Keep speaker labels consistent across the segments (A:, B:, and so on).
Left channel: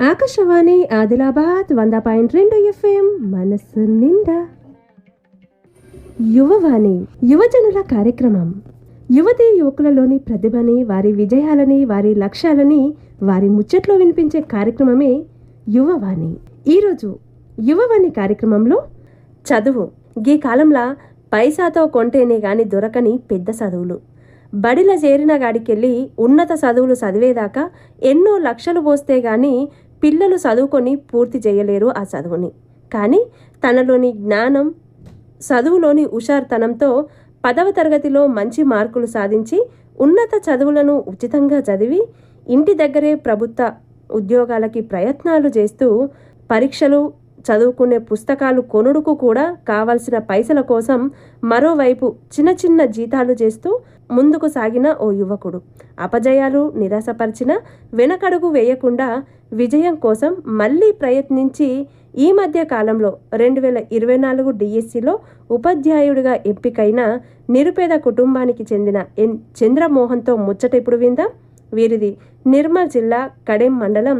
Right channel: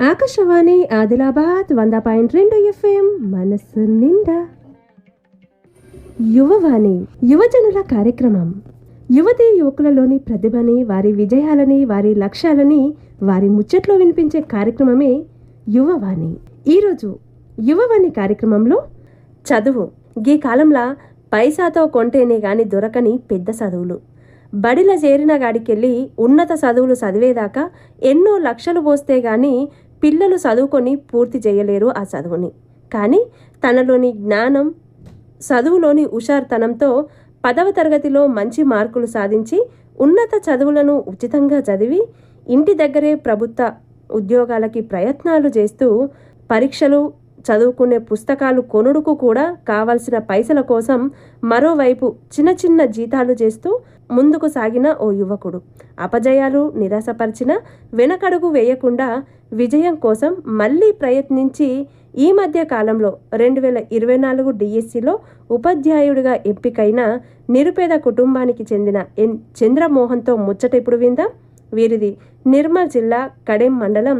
A: ఆకాశవాణి ఆదిలాబాద్ వంద పాయింట్ రెండు ఎఫ్ఎం మనస్సు నిండా. యువవాణి యువజనుల కార్యక్రమం. యువతి యువకులలోని ప్రతిభని వారి విజయాలని వారి లక్ష్యాలని వారి ముచ్చట్లో వినిపించే కార్యక్రమమే యువవాణి. ఈరోజు యువవాణి కార్యక్రమంలో చదువు. గీ కాలంలో పైసాతో కొంటేనే గాని దొరకని పెద్ద చదువులు. బడిల చేరిన గాడికెళ్ళి ఉన్నత చదువులు చదివేదాకా ఎన్నో లక్షలు పోస్తే గాని పిల్లలు చదువుకొని పూర్తి చేయలేరు ఆ చదువుని. కానీ తనలోని జ్ఞానం చదువులోని హుషార్తనంతో పదవ తరగతిలో మంచి మార్కులు సాధించి ఉన్నత చదువులను ఉచితంగా చదివి ఇంటి దగ్గరే ప్రభుత్వ ఉద్యోగాలకి ప్రయత్నాలు చేస్తూ పరీక్షలు చదువుకునే పుస్తకాలు కొనుడుకు కూడా కావలసిన పైసల కోసం మరోవైపు చిన్న చిన్న జీతాలు చేస్తూ ముందుకు సాగిన ఓ యువకుడు. అపజయాలు నిరాశపరిచిన వెనకడుగు వేయకుండా విజయం కోసం మళ్ళీ ప్రయత్నించి ఈ మధ్య కాలంలో రెండు వేల ఇరవై నాలుగు డిఎస్సిలో ఉపాధ్యాయుడిగా ఎంపికైన నిరుపేద కుటుంబానికి చెందిన ఎన్. చంద్రమోహన్తో ముచ్చట ఇప్పుడు విందాం. వీరిది నిర్మల్ జిల్లా కడెం మండలం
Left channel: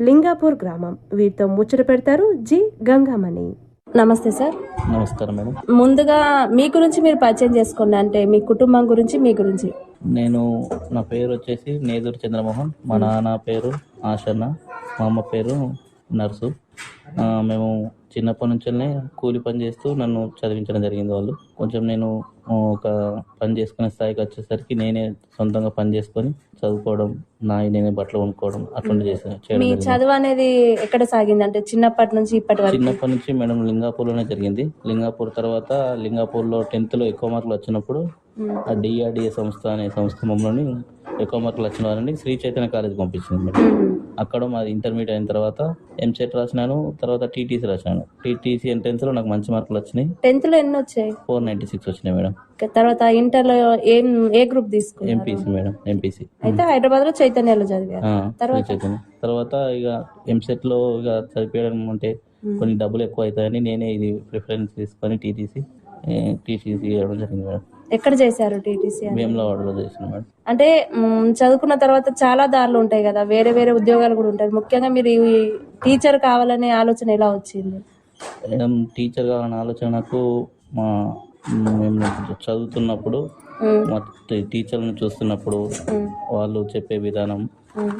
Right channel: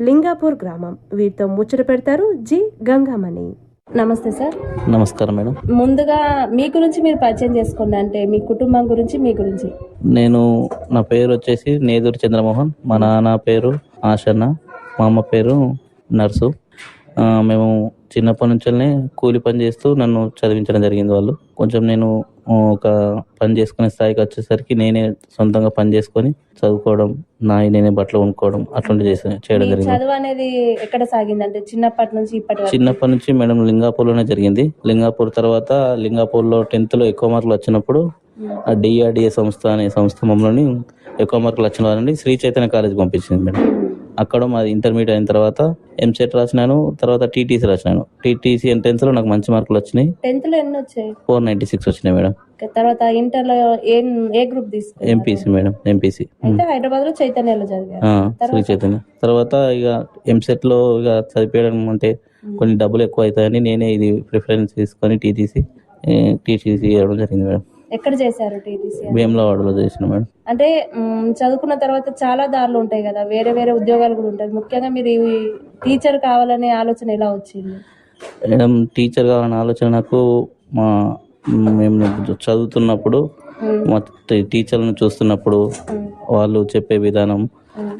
A: లింగాపూర్ గ్రామం. వీరితో ముచ్చట పెడతారు జి గంగామణి. నమస్తే సార్.
B: నమస్కారం మేడం.
A: ముందుగా మీ గురించి మీరు పరిచయం చేసుకోండి. అంటే మీ కుటుంబం గురించి మీ గురించి.
B: నేను నా పేరు వచ్చేసి నేదూరి చంద్రమోహన్. మా నాన్న పేరు ఆశన్న. మా అమ్మ పేరు నర్సు. మేము చిన్నప్పటి నుంచే కూలి పని చేస్తూ నన్ను చదివించడం జరిగింది వాళ్ళు. కొంచెం నేను ఒక పని చేసుకునే స్థాయికి వచ్చేసరికి నేనే సొంతంగా పని చేసుకొని చదువుకోవడం నా నేనే బట్టలు కొనుక్కోవడం అట్లాంటి చేసే చేయడం జరిగింది.
A: చదువు అనేది ఎక్కడ సాగింది అంటే చిన్నప్పటి నుంచి ఇప్పటి
B: చిన్నప్పటి నుంచి మేడం లింగాపూర్లోనే జరిగింది. లింగాపూర్ తర్వాత లింగాపూర్లో టెన్త్లో ఎక్కువ మార్కులు వచ్చినప్పుడు డిఆర్డిఏ సంస్థ అనే సంస్థ మమ్మల్ని ఎక్కువ మార్కులు వచ్చిన వారిని శ్రీ చైతన్య కాలేజ్ పంపించింది మేడం. అక్కడ మాది ఇంటర్మీడియట్ అయిన తర్వాత ఎంసెట్ రాసినాను తర్వాత టీటీసీ రాసినాను. టీటీసీ ఎంట్రెన్స్లో నాకు మంచి మార్కులు వచ్చినాయి.
A: టెన్త్లో ఎన్ని వచ్చాయి?
B: ఫోర్ నైంటీ సిక్స్ వచ్చినాయి మేడం.
A: తర్వాత ఇంటర్లో ఏం ఏ గ్రూప్ తీసుకున్నారు?
B: ఎంపీసీ మేడం ఎంపీసీ
A: అయితే హైదరాబాద్లో చైతన్యలో చదివారు.
B: శ్రీ చైతన్య. తర్వాత ఇక ఎంసెట్లో ఇక చదివేయడం అంటే కొన్ని డబ్బులు ఎక్కువ అవుతాయని నేనే ఇది ప్రిఫరెన్స్ తీసుకొని టీటీసీ టీటీసీ చేయడం జరిగింది మేడం.
A: ఎక్కడ చేశారు టీటీసీ
B: వేములవాడలో చేసిన మేడం.
A: అంటే చదువుకున్న తర్వాత చాలా దారులు ఉంటాయి కదా వేరే వేరే ఉద్యోగాలు కూడా ఉంటాయి. ముఖ్యంగా మీరు టీచర్ కావాలనే ఆలోచన ఎలా వచ్చింది?
B: మేడం టీచర్ కావాలనే ఆలోచన నాకు మా మేము చదువుతున్నప్పుడు
A: మ్,
B: మా టీ- టీచర్లను చూస్తున్నప్పుడు వాళ్ళు చెప్పే విధానం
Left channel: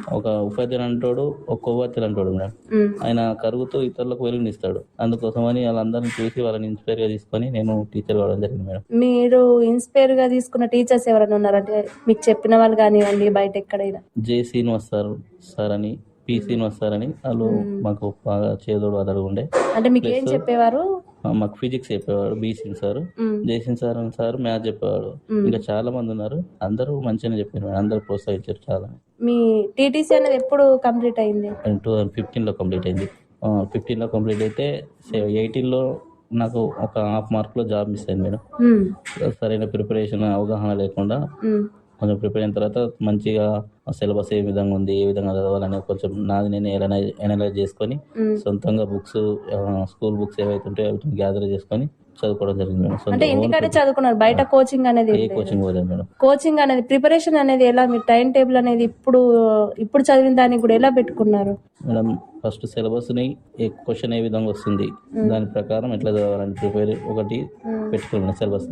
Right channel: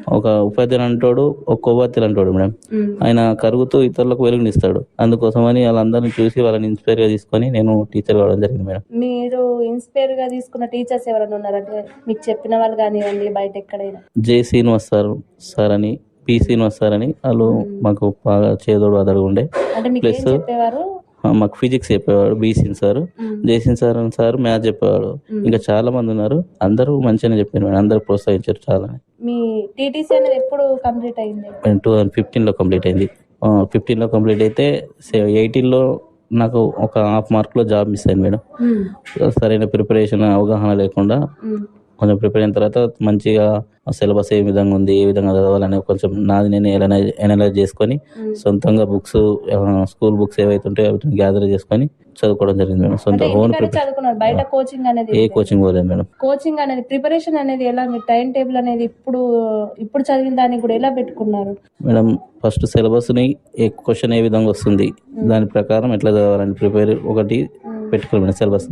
B: ఒక ఉపాధ్యాయులు అంటాడు ఒక కొవ్వొత్తిలు అంటాడు మేడం.
A: మ్.
B: ఆయన కరుగుతూ ఇతరులకు వెలుగునిస్తాడు. అందుకోసమని వాళ్ళందరిని చూసి వాళ్ళని ఇన్స్పైర్గా తీసుకొని నేను టీచర్ కావడం జరిగింది మేడం.
A: మీరు ఇన్స్పైర్గా తీసుకున్న టీచర్స్ ఎవరైనా ఉన్నారంటే మీకు చెప్పిన వాళ్ళు కానివ్వండి బయట ఎక్కడైనా.
B: జే శ్రీనివాస్ సార్ సార్ అని పి శ్రీనివాస్ సార్ అని వాళ్ళు మాకు బాగా చేదోడు అదడు ఉండే.
A: అంటే మీకు ఏం చెప్పేవారు?
B: మాకు ఫిజిక్స్ చెప్పేవాడు బీసీన్ సార్. జయసింగ్ సార్ అని సార్ మ్యాథ్స్ చెప్పేవాడు. ఇంకా చాలా మంది ఉన్నారు. అందరూ మంచిగానే చెప్పారు మేడం. అందరూ ప్రోత్సహించారు చాలా
A: మీ టీటీసీ అనేది ఎప్పుడు కంప్లీట్ అయింది?
B: టూ థౌజండ్ ఫిఫ్టీన్లో కంప్లీట్ అయింది. ఫిఫ్టీన్లో కంప్లీట్ అయితే ఎయిటీన్లో నాకు ఒక హాఫ్ మార్క్లో జాబ్ మిస్ అయింది మేడం. సరైన ప్రిపరేషన్ అవగాహన లేకుండా కొంచెం ప్రిపేర్ అయిన తర్వాత మంచిగా సిలబస్ ఏ విధంగా ఉంది ఏ విధంగా చదవాలని కొంచెం నాది నేను ఎనలైజ్ ఎనలైజ్ చేసుకొని. సొంతంగా బుక్స్ స్కూల్ బుక్స్ ఏవైతే ఉంటాయో వాటిని గ్యాదర్ చేసుకొని చదువుకోవడం జరిగింది మేడం. సొంత
A: అంటే
B: ఓన్
A: ఇంటికడే చదువుకున్నారు బయట కోచింగ్ అనేది
B: ఏ
A: ఏం.
B: కోచింగ్ పోలేదు మేడం.
A: కోచింగ్ అనేది ప్రిపరేషన్ అనేది ఎలా మీ టైం టేబుల్ అనేది ఇప్పుడు ఇప్పుడు చదివిన దానికి కూడా ఎలా పెట్టుకున్నారు?
B: మేడం ఫస్ట్ సిలబస్ని ఏ క్వశ్చన్ ఏ విధంగా వస్తుంది దాని ప్రకారం ఎట్లా చదవాలని ప్రిపేర్ ఒకటి పెట్టుకోవాలి మేడం సిలబస్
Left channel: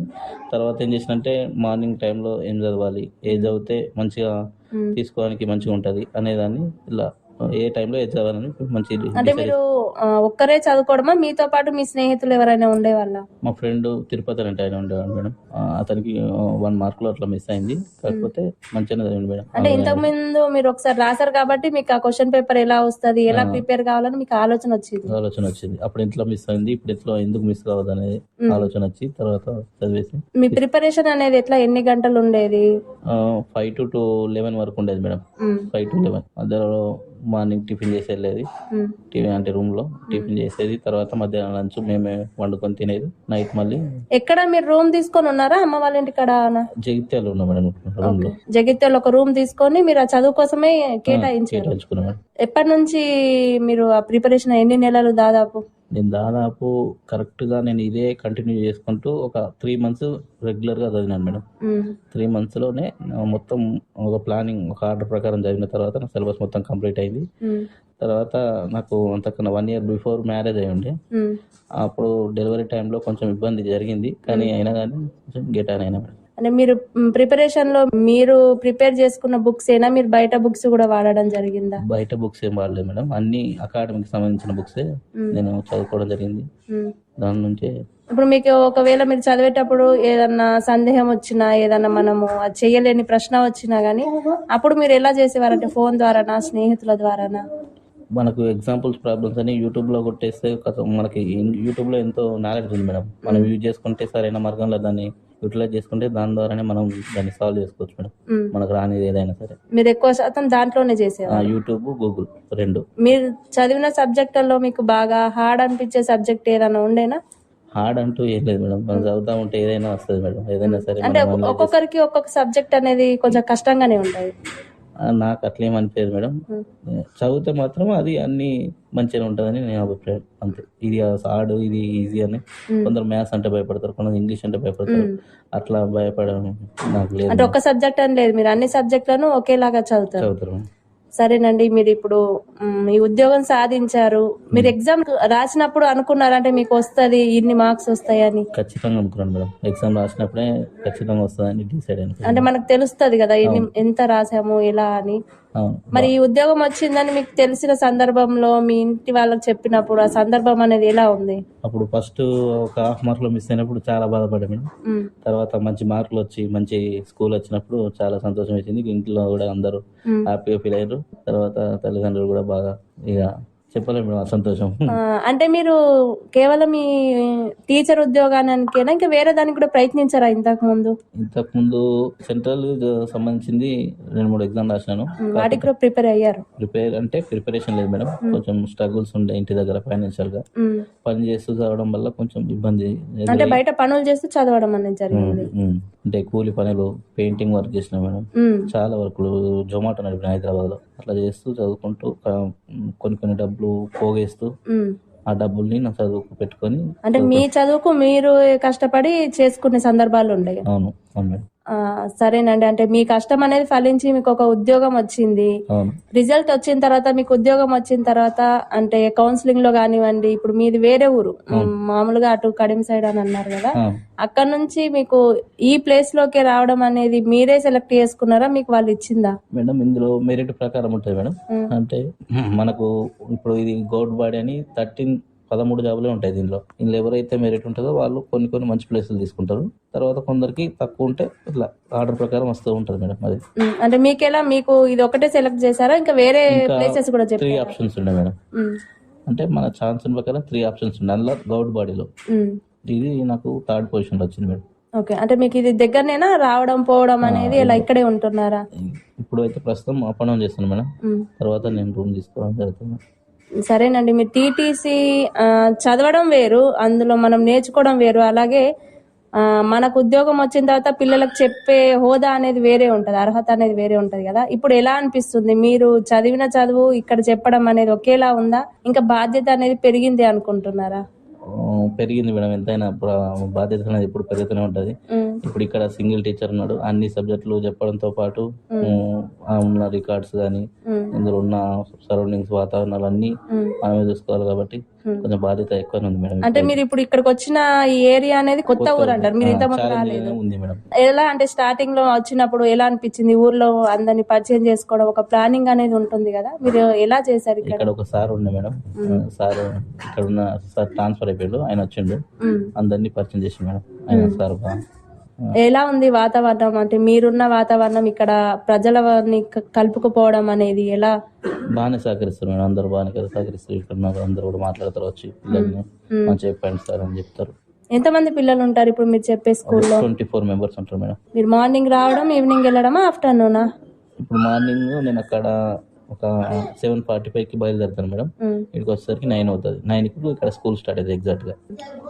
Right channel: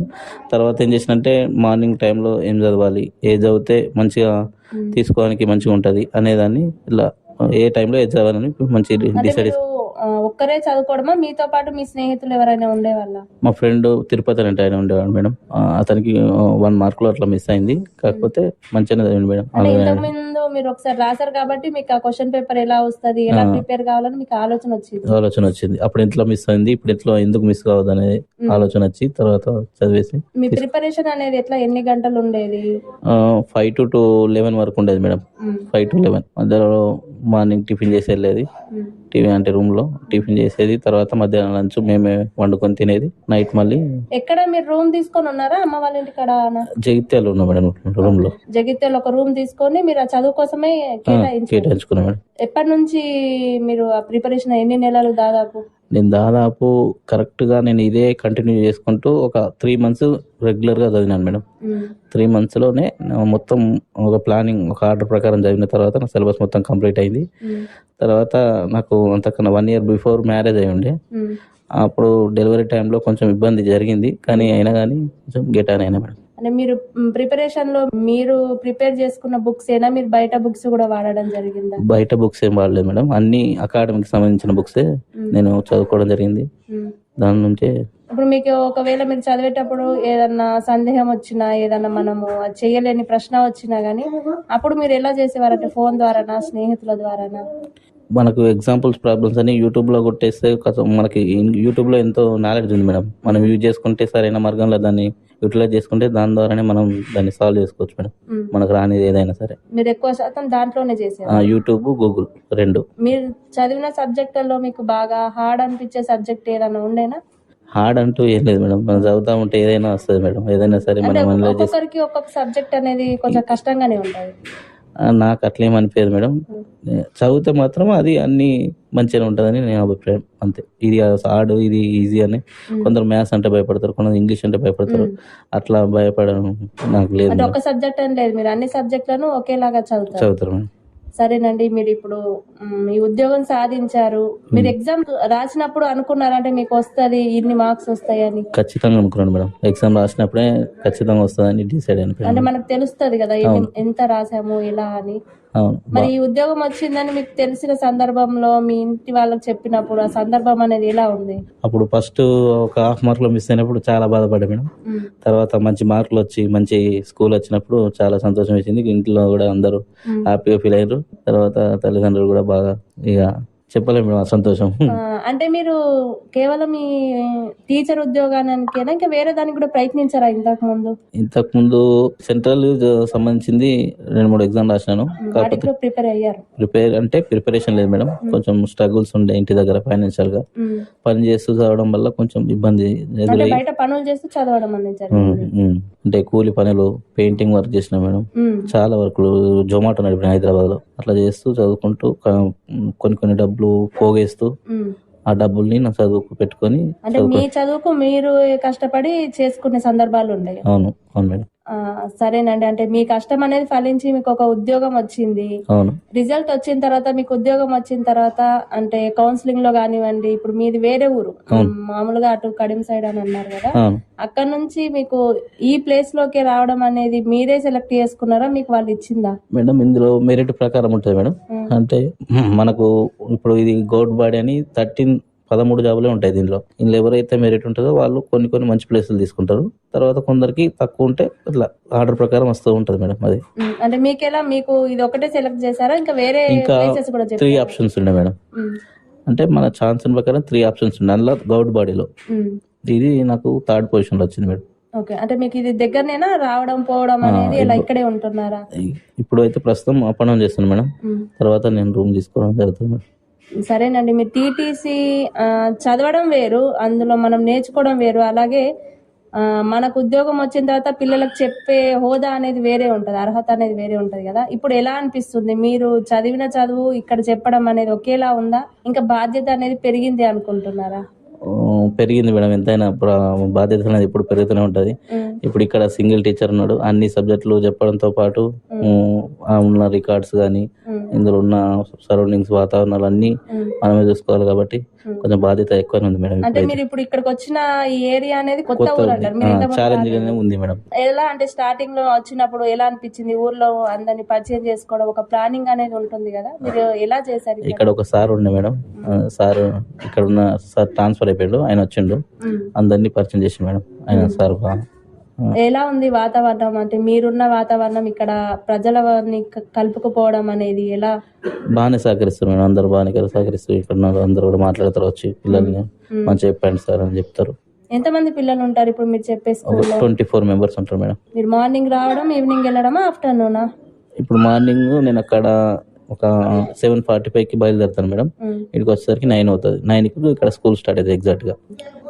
B: తర్వాత ఏం చేసినంటే మార్నింగ్ టైంలో ఏం చదవాలి ఏ చదివితే మంచిగా
A: మ్మ్.
B: తీసుకోవడానికి మంచిగా ఉంటుంది అనేదాన్ని ఇలా ఏ టైంలో ఏది చదవాలని మంచి
A: అంటే
B: డిసైడ్
A: మీరు ఒక్కరే చదువుకోవడమా? మీతో పాటు మీ స్నేహితులు ఎవరైనా ఉండేవాళ్ళ?
B: మా ఫ్రెండ్ తిరుపతి అంటే ఆయన ఉండేవాడు మేడం. అతనికి వన్ మార్కులో అట్లా మిస్ అయింది. కాకపోతే మంచిగానే చదివింది మేడం.
A: అంటే ఇంతకు ముందు మీరు ఒకసారి రాశారు కాబట్టి మీకు ఆ క్వశ్చన్ పేపర్ ఎలా వస్తది ఎలా. ప్రిపేర్ కావాలని మీకు ఆలోచన వచ్చింది?
B: ఆలోచన వచ్చింది. అప్పుడు ఎంతలో మిస్ అయింది ఇప్పుడు ఎట్లా ఎందుకు మిస్ కావద్దు అనేది. ఆలోచన వచ్చి తర్వాత చదివేసి
A: మీ ప్రిపరేషన్ అనేది ఎట్లా? ఎన్ని గంటలు ఉండేది?
B: ఫైవ్ టు టు లెవెన్ వరకు ఉండేది మేడం. ఫైవ్ టు లెవెన్ మధ్యలో మార్నింగ్ టిఫిన్ చేసి వెళ్ళేది
A: మ్.
B: టీవీ అంటే రూమ్లో టిఫిన్ చేసేది. తర్వాత మధ్యాహ్నం లంచ్ మేమే వండుకొని తినేది. నైట్ మళ్ళీ
A: ఎక్కడ మీరు రూమ్ తీసుకొని ఉన్నారా? అమ్మ వాళ్ళ ఇంటికాడ
B: జగిత్యాలు ఉన్నాం మేడం రూమ్లో
A: జగిత్యాల ఒక రూమ్ తీసుకొని మీరు ఆ చదువు కోసమే
B: కేటాయించుకున్నాం మేడం.
A: ఎప్పటి నుంచి మీరు ఆ ప్రిపరేషన్ ఎన్ని నెలలు దాదాపు?
B: నేను దాదాపు కరెక్ట్గా నేను ఇదే కంటిన్యూ చేసుకుంటూ ఒక త్రీ మంత్స్ రెగ్యులర్గా చదివినాను మేడం. త్రీ మంత్స్లోనే మొత్తం ఒక ప్లానింగ్ ఒక ఆర్డర్ ప్రకారం చదివిన తర్వాత నా సిలబస్ మొత్తం కంప్లీట్ అయింది. తర్వాత నాకు అంతకన్నా వన్ ఇయర్ బిఫోర్ మ్యారేజ్ అయి ఉండే. అప్పుడు డెలివరీ టైంలో కొంచెం ఇబ్బంది జరిగింది. కానీ అయినా కానీ కొంచెం గెట్ అయినా మేడం.
A: అంటే మీరు ప్రిపరేషన్లో మీరు ప్రిపేర్ చేసుకున్న బుక్స్ ఏనా? మీరు బయట బుక్స్ కూడా వాడడం జరిగిందా?
B: బయట బుక్స్ ఏం వాడలేదు మేడం. అన్ని అకాడమిక్ సంబంధించిన బుక్సే నేను చదువుకోవడం జరిగింది. దాని నుంచే
A: ఇప్పుడు మీకు ఒకవేళ మీరు చదివేటప్పుడు ఏదన్నా సందేహం వచ్చినా ఏదన్నా మనము చేయలేని ప్రశ్న వచ్చినా గానీ అప్పుడు మీరు ఎలా చేసేవారు అంటే ఫోన్ ద్వారానా స్నేహితుల ద్వారానా?
B: మనకు ఎగ్జాంపుల్స్ ప్రాబ్లమ్స్ అని యూట్యూబ్లో కొట్టేస్తే మనకి యూట్యూబ్లో ఎంతో నాలెడ్జ్ ఉంది మేడం. మనం యూజ్ చేసుకుంటే సరైన మార్గంలో దాన్ని యూటిలైజ్ చేసుకుంటే దాని ద్వారానే మనం దాన్ని సాల్వ్ చేసుకోవచ్చు మేడం. మనకు రానిది ఏదైనా సరే.
A: మీరు ఎక్కువ శాతం దాంట్లోనే చేసేవారు?
B: యూట్యూబ్ గూగుల్ రెండు.
A: మీరు చదివిన సబ్జెక్టుల్లో మీకు బాగా హార్డ్ అనిపించే సబ్జెక్ట్ ఏదైనా ఉండేనా?
B: హార్డ్ అంటూ ఏం లేదు మేడం. మనం చదువుతా ఉంటే ఏదైనా వస్తుంది మేడం. ఏదైనా సరే చేసి
A: ఒక్కొక్కరికి ఒక్కొక్క సబ్జెక్ట్ అనేది కొంచెం కష్టంగానే ఉంటుంది
B: నాకు అట్లేం అనిపించదు మేడం. చదివితే మాత్రం అది అన్ని మంచిగా ఉంటుందని నేను అభిప్రాయం అంతే ఇది హార్డ్ ఇది ఈజీ అని. కొందరు మ్యాథ్స్ అంటే భయపడతారు కొందరు ఇంగ్లీష్ అంటే భయపడతారు. అట్లా భయపడడం నాకు లేదు
A: అంటే. ఒక్క సబ్జెక్ట్ అని లేదు మీరు అన్ని సబ్జెక్టులను ఒకేలాగా చదువుతారు
B: చదువుతారు మేడం
A: సరేనండి మీరు ఇప్పుడు మ్, ఈ ఉద్యోగం సాధించారు. మీరు ఎగ్జామ్ రాసినప్పుడు అనుకున్నారంటే మీకు వస్తది ఇన్ని మార్క్స్ వస్తాయని.
B: ఖచ్చితంగా అనుకున్నాను మేడం. ఎగ్జామ్ రాసినప్పుడే ఖచ్చితంగా వస్తుందని డిసైడ్
A: అంటే మనకు తెలుస్తది కదా ఎన్ని ఎంత రాసాము ఎలా అని. మరి ఈ ఉద్యోగం వచ్చిందని మీకు తెలిసిన సందర్భంలో మీ ఇంటి వాళ్ళకి చెప్పినప్పుడు ఆ సందర్భం అనేది ఎలా ఉంది?
B: అప్పుడు ఫస్ట్ ఒక హాఫ్ మార్కులో మిస్ అయినప్పుడు చాలా బాధపడ్డా మేడం. తర్వాత మంచి మార్కులు వచ్చి మంచి స్కూల్ వచ్చినప్పుడు చాలా సంతోషం వేసింది. ఇంట్లో కూడా అందరూ. హ్యాపీగా ఫీల్ అయ్యారు. తర్వాత తల్లిదండ్రులు కూడా బాగా ఇక చెప్పలేము మేడం సంతోషం.
A: అంటే మీరు కేవలం ఈ టీచర్ ఉద్యోగానికేనా ఇంకా వేరే దానికి కూడా ప్రయత్నించారా ఇంతకు ముందు?
B: ఇంతకు ముందు సెంట్రల్ సంబంధించింది రెండు మూడు ఎగ్జామ్ రాసినాను.
A: వాటికి కూడా ప్రిపేర్ అయ్యారు.
B: ప్రిపేర్ అంటే ప్రిపరేషన్ లేదు మేడం. కొంచెం స్ట్రగుల్స్ ఉండే ఇంటి దగ్గర
A: ఫైనాన్షియల్గా.
B: పని చేస్తూ చదవడం వల్ల కొంచెం ఇబ్బంది
A: అంటే బయట పనులు చేస్తూ చదవడం అనేది జరిగింది.
B: అంటే కూలి పనులు పెయింటింగ్ వర్క్ చేసిన మేడం. చాలా వర్క్లు జొమాటో నడిపిన హైదరాబాద్లో అట్లా చేస్తూ చదువుకుంటూ కొన్ని కొన్ని డబ్బులు పోగేస్తూ
A: మ్.
B: ఆ డబ్బుల్ని నా చదువుకు పెట్టుకొని
A: అంటే మీ చదువుకు మీరు కష్టపడి చేసుకునే సందర్భాలు ఉన్నాయి
B: అవును అవును మేడం
A: సరేనండి. అంటే మీ కష్టం అనేది ఫలించి మీకు ఒక ఉద్యోగం వచ్చింది. రిజల్ట్ వచ్చిన తర్వాత మీకు ఉద్యోగం వచ్చిన తర్వాత అంటే కౌన్సిలింగ్లో కానివ్వండి ఇప్పుడు మీది వేరే ఊరు. మామూలుగా అటు కడిమ సైడ్ అని అన్నారు కదా. అక్కడ నుంచి మీకు ఈ ప్లేస్లోకి రావడం అనేది మీరే సెలెక్ట్ చేసుకున్నారా? మీకు వాళ్ళు ఇచ్చిందా?
B: మేడం ఇందులో మెరిట్ ప్రకారం ఉంటుంది మేడం. అంటే మనకు ఇప్పుడు ఇది గౌడ్ బాడీ అని థర్టీన్ పదమూడు జాబులే ఉంటాయి దీనిలో. ఇందులో ఎవరైతే మెరిట్ ఉంటుందో వాళ్ళు కొన్ని కొన్ని మంచి ప్లేసులు తీసుకుంటారు. తర్వాత కొందరికి తక్కువ ఉంటే ఇట్లా ఆర్డర్ ప్రకారం వస్తూ ఉంటుంది మేడం అది.
A: అంటే మీకెలా మీకు ఇది ఒకటే సెలెక్ట్ చేశారా? ఇంకా వేరే
B: ఇంకా
A: ప్లేసెస్ కూడా
B: త్రీ ఆప్షన్స్ ఉండే మేడం. అంటే మన ఛాన్స్ ప్రకారం త్రీ ఆప్షన్స్ ఉండే అందులో గౌడ్ బాడీలో. ఇది నాకు థర్డ్ పొజిషన్లో వచ్చింది మేడం.
A: ఓకే అంటే మీకు ఇది దగ్గరనేనా? రావడం పోవడం అనేది ఇలా ఇక్కడే ఉంటున్నారా?
B: ఇప్పుడు అయితే ప్రస్తుతం అప్ అండ్ డౌన్ చేస్తాను మేడం. తర్వాత నేను రూమ్ తీసుకోవడం జరుగుతుంది మేడం.
A: సరేనండి మీరు టీటీసీ చదవడం వేరు అందులో మనం నేర్చుకోవడం వేరు. అలాగే మనకు ఉద్యోగం వచ్చిన తర్వాత పిల్లలకు చెప్పే హోదా అనేది వేరే ఉంటది అర్హత అనేది వేరే ఉంటది కదా. ఇప్పుడు ఎలా అనిపిస్తుంది? మీరు చదివిన చదువు ఇక్కడ చెప్పడం అనేది ఒకేలా ఉందా? ఇంకా బాధ్యత అనేది పెరిగింది అనుకుంటున్నారా?
B: పెరిగింది మేడం. ఎంతైనా బాధ్యత అనేది ఇప్పుడు పెరుగుతూనే ఉంటుంది. ఇప్పుడు ఇక్కడ సింగిల్ టీచర్ ఉన్నాడు. అన్ని సబ్జెక్టులు చెప్పడంతో పాటు ఉన్న రికార్డ్స్ కానీ ఇందులో ఉన్న సరౌండింగ్స్ వాతావరణాలు అన్నీ. మనమే చూసుకోవాలి కాబట్టి. కొంచెం బాధ్యత ఎక్కువనే ఉంది మేడం
A: అంటే మీరు ఇప్పుడు ఇక్కడికి వచ్చిన ఈ ఏరియా అనేది కొత్త ఊరు అంటారు.
B: ఛాలెంజ్. ఉంది మేడం.
A: ఎలా అంటే స్టార్టింగ్లో వచ్చినప్పుడు ఎలా అనిపించింది? ఊర్లో అందరిని పరిచయం చేసుకోవడం ఒక ప్లానింగ్ అనేది ఉంటుంది కదా. మీరు ఎలా చేశారు ఇక్కడ?
B: ఒక సార్ ఉండే మేడం. సార్ ఇక్కడ ఉన్న సార్ ట్రాన్స్ఫర్ అయిపోయాడు. ఆయన వచ్చిండు. అందరినీ పరిచయం చేసి మేడం. ఆయన సార్
A: ఎలా ఉంది వాతావరణం? అంటే మీరున్న వాతావరణం ఇక్కడ ప్రజలని క- కలుపుకుపోవడం అనేది ఎలా?
B: బాగానే సహకరిస్తారు మేడం. అందరు బాగానే కదా సహకరిస్తారు. ఇక్కడ అందరూ కూడా మాట్లాడతారు. వచ్చి పిల్లల్ని. మంచిగా చెప్పండి సార్ అని చెప్తారు.
A: ఎంతమంది పిల్లలు ఉంటారు ఇప్పుడు మీరు చెప్పే స్కూల్లో?
B: ట్వంటీ ఫోర్ మెంబర్స్ ఉంటారు మేడం.
A: మీరు మార్నింగ్ రావడం ఈవినింగ్ వెళ్ళడమా ఆఫ్టర్నూనా?
B: ఇప్పుడు మార్నింగ్ నేను అక్కడ ఒక సెవెన్ ఫార్టీ ఫైవ్కి బయలుదేరుతాను మేడం. ఇక్కడికి వచ్చేసరికి నైన్ అవుతుంది. నైన్కి ఇక్కడ స్కూల్ స్టార్ట్ అవుతుంది ఎగ్జాక్ట్గా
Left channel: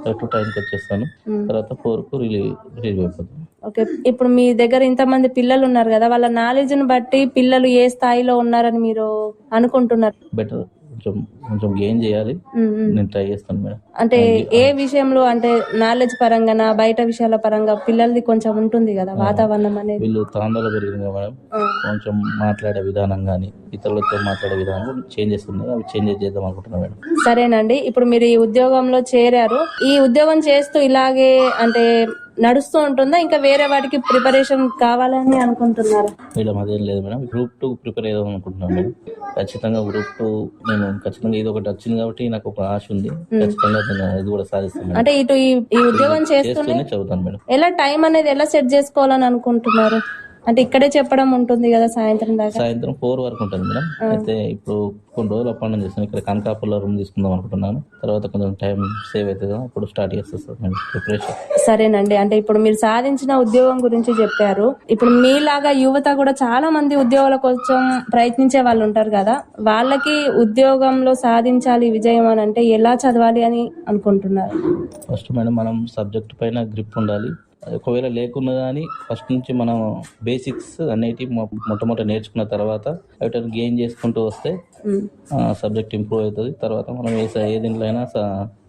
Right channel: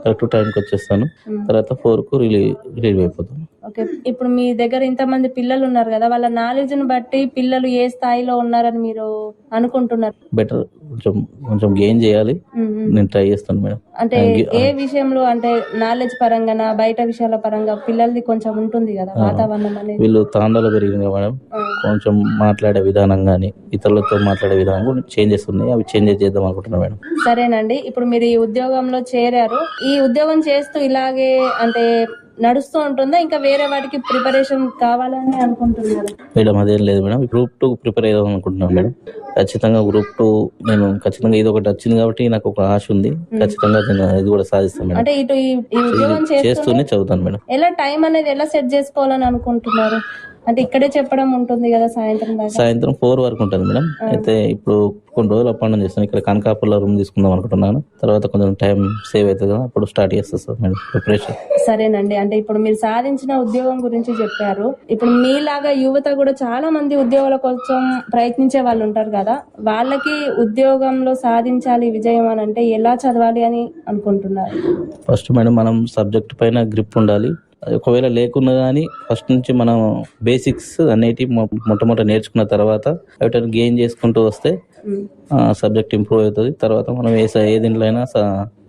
B: కరెక్ట్ టైంకి వచ్చేస్తాను.
A: ఉమ్.
B: తర్వాత ఫోర్కు రిలీవ్ రిలీవ్ అయిపోతాను.
A: ఓకే. ఇప్పుడు మీ దగ్గర ఇంతమంది పిల్లలు ఉన్నారు కదా వాళ్ళ నాలెడ్జ్ని బట్టి పిల్లలు ఏ స్థాయిలో ఉన్నారని మీరు అనుకుంటున్నారు?
B: బెటర్ కొంచెం కొంచెం గెయిన్ చేయాలి. నేను ట్రై చేస్తాను మేడం.
A: అంటే. ఏ విషయంలో అంటే నాలెడ్జ్ పరంగా బయట విషయాల పరంగా పిల్లలది కొంచెం ఉంటుంది కదా వాతావరణం అనేది.
B: వీళ్ళు తాండాలో పెరిగింది మేడం. కొంచెం మాట్లాడే విధానం కానీ ఇతరులతో మాట్లాడే విధానం కూడా చేంజెస్ ఉన్నాయి అవి చేంజెస్ చేద్దాం అనుకుంటున్నాను మేడం.
A: సరేనండి. ఇప్పుడు మీరు ఈ ఉద్యోగంలో చేరారు. ఈ ఉద్యోగం చేస్తూ ఇలాగే అంటే నడుస్తూ ఉంటుందా? ఇంకా వేరే వాటికి ప్రిపరేషన్ కావాలని అనుకుంటున్నారు.
B: మేడం అదేం లేదు మేడం. గ్రూప్ టూ ప్రిపేర్ అయ్యాం అనుకుంటున్నాను మేడం. ఖచ్చితంగా గ్రూప్ టూ నేను ఖచ్చితంగా ఇది ఒకటి వచ్చింది కాబట్టి నాకు ఒక ఆశ ఉంది. ఖచ్చితంగా నేను ఇది కూడా సాధిస్తాను మేడం.
A: అంటే ఇటు ఈ ఉద్యోగం చేస్తూనే
B: చదువుతాను మేడం.
A: ఎలా టైం అనేది ఎలా సెట్ చేసుకోవాలని అనుకుంటున్నారు? అంటే ఇక్కడే చెప్పడం ఉంటుంది కదా సాయంత్రం దాకా?
B: సాయంత్రం ఫోర్ వరకు ఉంటుంది మేడం. అయితే ఇప్పుడు కొన్ని రోజులు అప్ అండ్ డౌన్ చేస్తాను. ఇక్కడ కనకాపూర్లో రూమ్ తీసుకుందాం అనుకుంటున్నాను. తర్వాత కొంచెం టైం సేవ్ అవుతుంది కదా అప్పుడు స్టార్ట్ చేస్తాను సార్ మేడం ప్రిపరేషన్.
A: సరేనండి. అంటే ఇప్పుడు మీరు సాధించిన ఉద్యోగం గురించి చెప్పారు. ఇప్పుడు మీలాగా యువత కూడా చాలా మంది ఉద్యోగాల కోసం ప్రయత్నించే వాళ్ళు ఉంటారు కదా. వాళ్ళకి ఉద్యోగంలో సాధించాలి విజయం అని అంటే ఎలా చదవాలి అని అనుకుంటున్నారు?
B: ఫస్ట్ మేడం మనం సబ్జెక్ట్ పైన గ్రిప్ ఉండాలి. ఒకవేళ లేకున్నా కానీ ఫస్ట్ నుంచి మనం బేసిక్స్ అనేటివి మొట్టమొదట నేర్చుకున్న తర్వాత వాటిని గెయిన్ చేసుకుంటూ వస్తే సబ్జెక్ట్ ఇంప్రూవ్ అవుతుంది. తర్వాత మనం ఏ ఏ దీంట్లో అయినా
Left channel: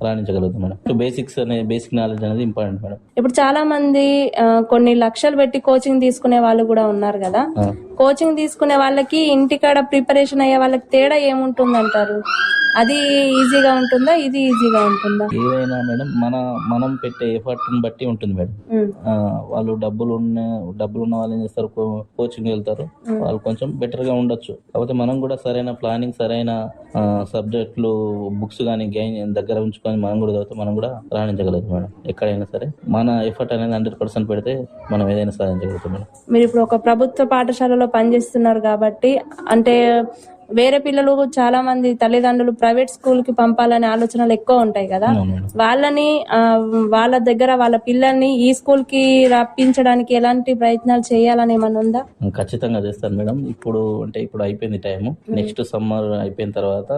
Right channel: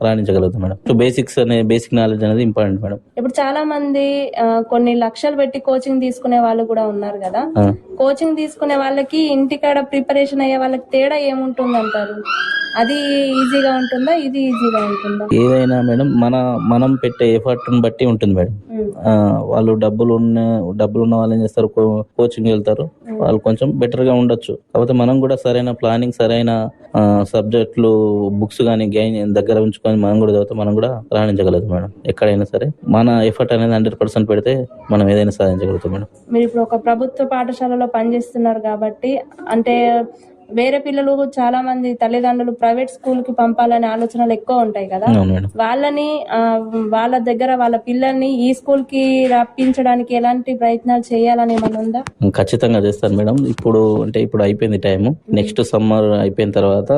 B: రాణించగలుగుతాం మేడం. బేసిక్స్ అనే బేసిక్ నాలెడ్జ్ అనేది ఇంపార్టెంట్ మేడం.
A: ఇప్పుడు చాలా మంది కొన్ని లక్షలు పెట్టి కోచింగ్ తీసుకునే వాళ్ళు కూడా ఉన్నారు కదా. కోచింగ్ తీసుకునే వాళ్ళకి ఇంటికాడ ప్రిపరేషన్ అయ్యే వాళ్ళకి తేడా ఏముంటుంది అంటారు అది ఈజీగా ఉంటుందా? ఇది ఈజీగా ఉంటుందా?
B: ఏదైనా మేడం మన మనం పెట్టే ఎఫర్ట్ని బట్టి ఉంటుంది మేడం. వాళ్ళు డబ్బులు ఉన్న డబ్బులు ఉన్న వాళ్ళు ఏం చేస్తారు? కోచింగ్ వెళ్తారు. వాళ్ళు కొంచెం బెటర్గా ఉండొచ్చు. కాకపోతే మనం కూడా సరైన ప్లానింగ్ సరైన సబ్జెక్టులు బుక్స్ కానీ గైన్ దగ్గర ఉంచుకొని మనం కూడా చదివితే మనం కూడా రాణించగలుగుతాం మేడం. ఎక్కడైనా సరే మన ఎఫర్ట్ అనేది హండ్రెడ్ పర్సెంట్ పెడితే మనం ఏదైనా సాధించగలుగుతాం మేడం.
A: మీరు ఇప్పుడు ఒక ప్రభుత్వ పాఠశాలలో పనిచేస్తున్నారు కాబట్టి అంటే వేరే పిల్లలు చాలా మంది తల్లిదండ్రులు ప్రైవేట్ స్కూల్కి పంపాలనే ఆలోచనలు ఎక్కువ ఉంటాయి కదా. వాళ్ళని వాళ్ళ దగ్గర వాళ్ళ పిల్లల్ని ఈ స్కూల్కి రప్పించడానికి ఎలాంటి ప్రయత్నాలు చేయాలని ఏమన్నా ఉందా?
B: ఖచ్చితంగా చేస్తాను మేడం. ఇప్పుడు అంటే ఇప్పుడు అయిపోయింది టైం నెక్స్ట్ సమ్మర్ అయిపోయిన తర్వాత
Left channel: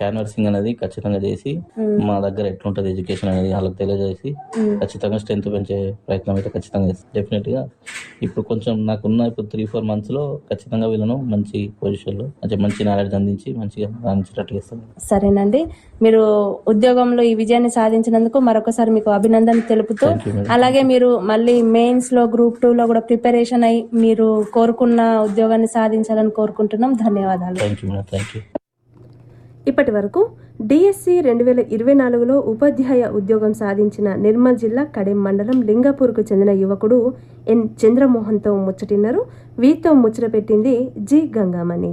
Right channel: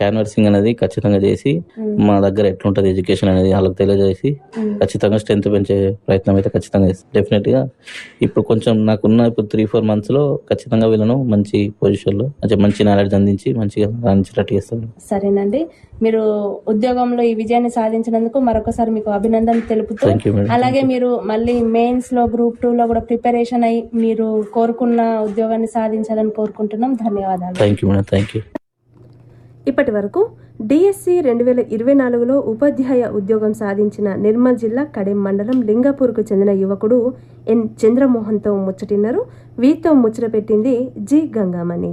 B: క్యాన్వర్సింగ్ అనేది ఖచ్చితంగా చేసి. మా దగ్గర ఎట్లుంటది ఎడ్యుకేషన్ అనేది వాళ్ళకి తెలియజేసి. ఖచ్చితంగా స్ట్రెంత్ పెంచే ప్రయత్నం అయితే ఖచ్చితంగా చేస్తాను. డెఫినెట్గా ఇప్పుడు కొంచెం నాకున్న ఇప్పుడు త్రీ ఫోర్ మంత్స్లో ఖచ్చితంగా వీళ్ళను మంచి పొజిషన్లో అంటే మంచి నాలెడ్జ్ అందించి మంచిగా రాణించేటట్టు చేస్తాను
A: సరేనండి. మీరు ఉద్యోగంలో ఈ విజయాన్ని సాధించినందుకు మరొకసారి మీకు అభినందన తెలుపుతూ అలాగే మీరు మళ్ళీ మెయిన్స్లో గ్రూప్ టూ లో కూడా ప్రిపరేషన్ అయి మీరు కోరుకున్న ఉద్యోగాన్ని సాధించాలని కోరుకుంటున్నాం. ధన్యవాదాలు.
B: Thank you madam thank you
C: ఇప్పటి వరకు డిఎస్సి రెండు వేల ఇరవై నాలుగులో ఉపాధ్యాయ ఉద్యోగం సాధించిన నిర్మల్ జిల్లా కడెం మండలం లింగాపూర్కు చెందిన యువకుడు ఎన్ చంద్రమోహన్తో ముచ్చటిన్నారు. వీరితో ముచ్చట పెట్టింది జి గంగామణి.